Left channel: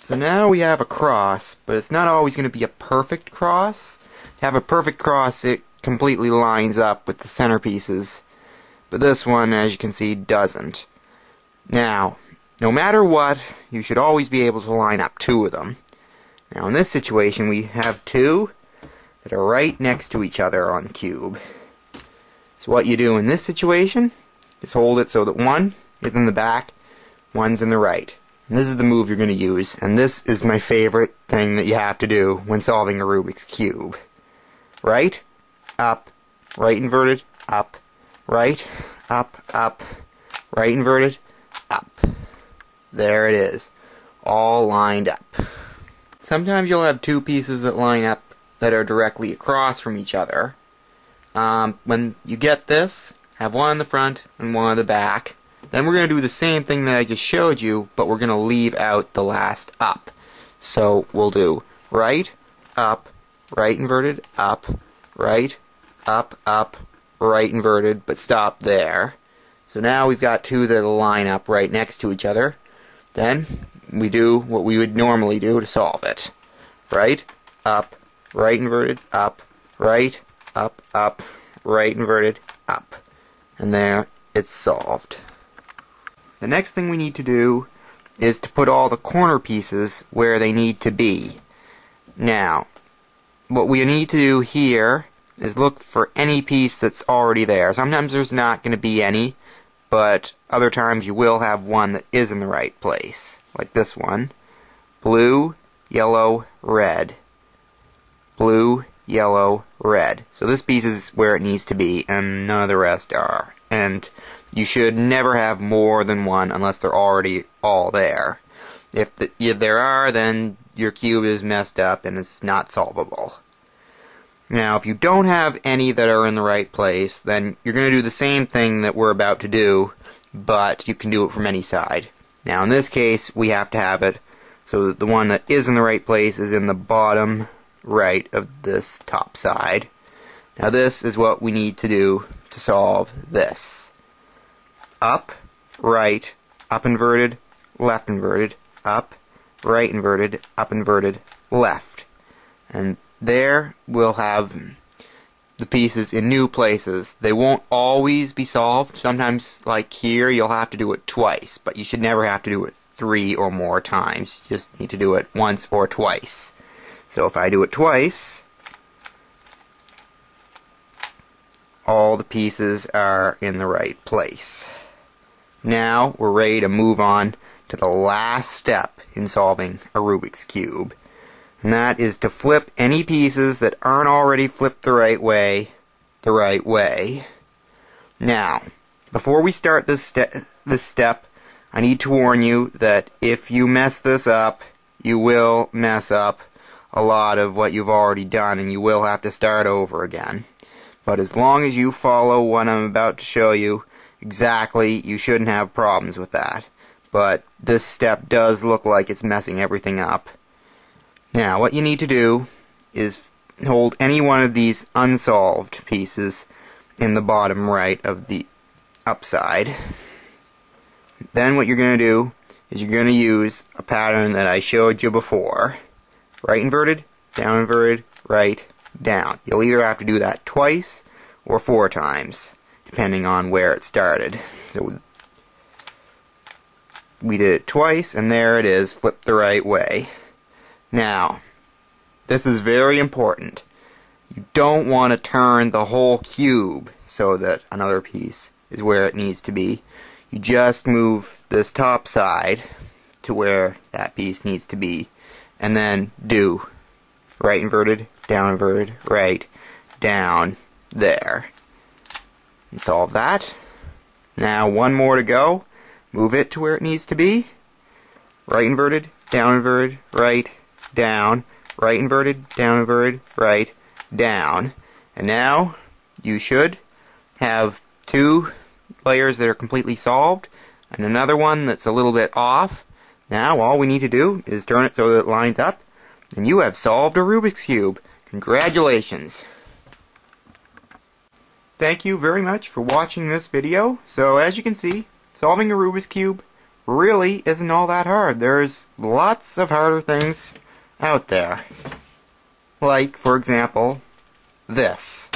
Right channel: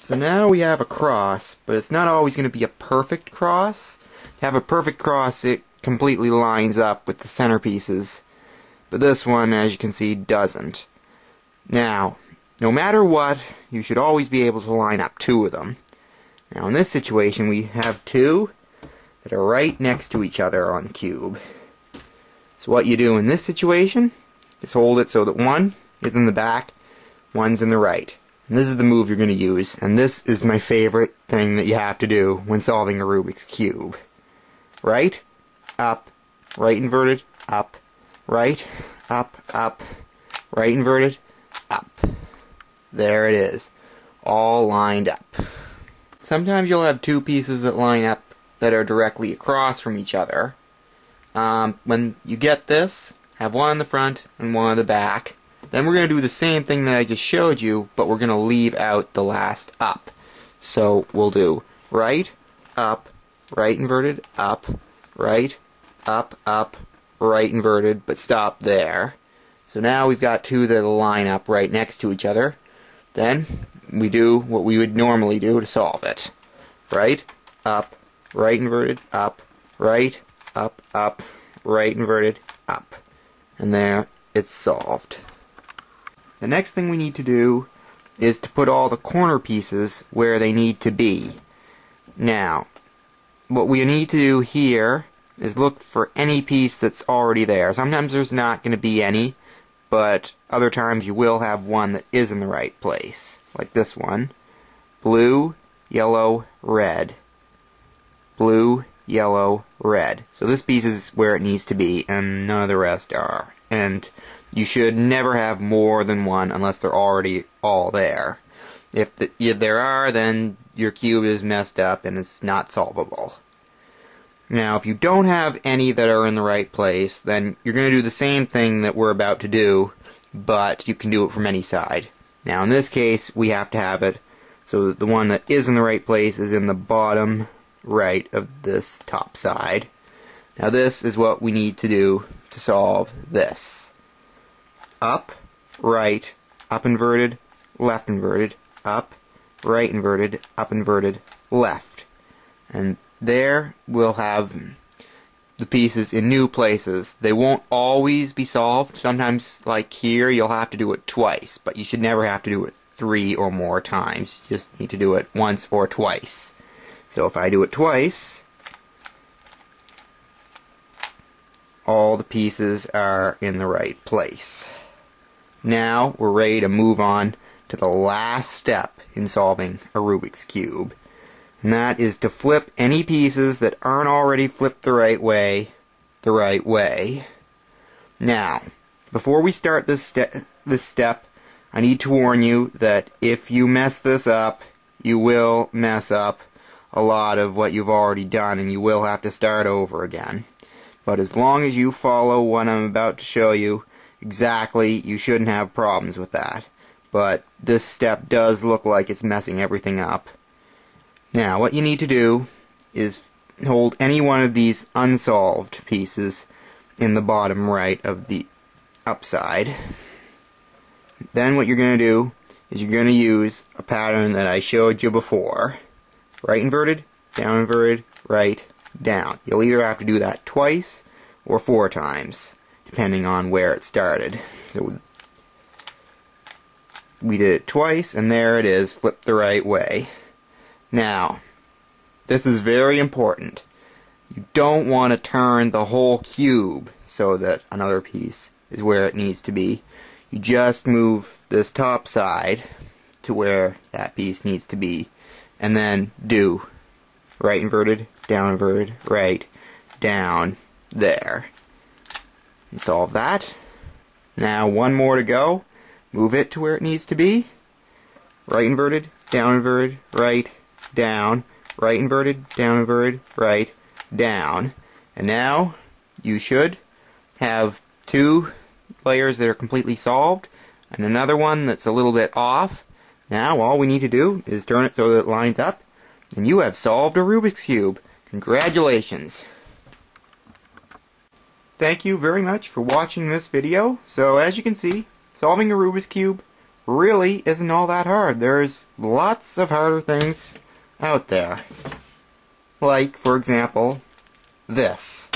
So now we have a cross, but it's not always going to be a perfect cross. To have a perfect cross, it completely lines up with the centerpieces, but this one, as you can see, doesn't. Now, no matter what, you should always be able to line up two of them. Now in this situation, we have two that are right next to each other on the cube. So what you do in this situation is hold it so that one is in the back, one's in the right. And this is the move you're going to use, and this is my favorite thing that you have to do when solving a Rubik's Cube. Right, up, right inverted, up, right, up, right inverted, up. There it is, all lined up. Sometimes you'll have two pieces that line up that are directly across from each other. When you get this, have one in the front and one in the back. Then we're going to do the same thing that I just showed you, but we're going to leave out the last up. So we'll do right, up, right inverted, up, right, up, right inverted, but stop there. So now we've got two that'll line up right next to each other. Then we do what we would normally do to solve it. Right, up, right inverted, up, right, up, right inverted, up. And there, it's solved. The next thing we need to do is to put all the corner pieces where they need to be. Now, what we need to do here is look for any piece that's already there. Sometimes there's not going to be any, but other times you will have one that is in the right place. Like this one. Blue, yellow, red. Blue, yellow, red. So this piece is where it needs to be, and none of the rest are. And you should never have more than one unless they're already all there. If there are, then your cube is messed up and it's not solvable. Now, if you don't have any that are in the right place, then you're going to do the same thing that we're about to do, but you can do it from any side. Now, in this case, we have to have it so that the one that is in the right place is in the bottom right of this top side. Now, this is what we need to do to solve this. Up, right, up inverted, left inverted, up, right inverted, up inverted, left. And there we'll have the pieces in new places. They won't always be solved. Sometimes, like here, you'll have to do it twice, but you should never have to do it 3 or more times. You just need to do it once or twice. So if I do it twice, all the pieces are in the right place. Now we're ready to move on to the last step in solving a Rubik's Cube. And that is to flip any pieces that aren't already flipped the right way. Now, before we start this step, I need to warn you that if you mess this up, you will mess up a lot of what you've already done, and you will have to start over again. But as long as you follow what I'm about to show you exactly, you shouldn't have problems with that. But this step does look like it's messing everything up. Now, what you need to do is hold any one of these unsolved pieces in the bottom right of the upside. Then what you're going to do is you're going to use a pattern that I showed you before. Right inverted, down inverted, right, down. You'll either have to do that twice or 4 times, depending on where it started. So we did it twice, and there it is, flipped the right way. Now, this is very important. You don't want to turn the whole cube so that another piece is where it needs to be. You just move this top side to where that piece needs to be, and then do right inverted, right, down, there. And solve that. Now one more to go. Move it to where it needs to be. Right inverted, right, down, right inverted, right, down. And now you should have 2 layers that are completely solved and another one that's a little bit off. Now all we need to do is turn it so that it lines up, and you have solved a Rubik's Cube. Congratulations! Thank you very much for watching this video. So as you can see, solving a Rubik's Cube really isn't all that hard. There's lots of harder things out there. Like, for example, this.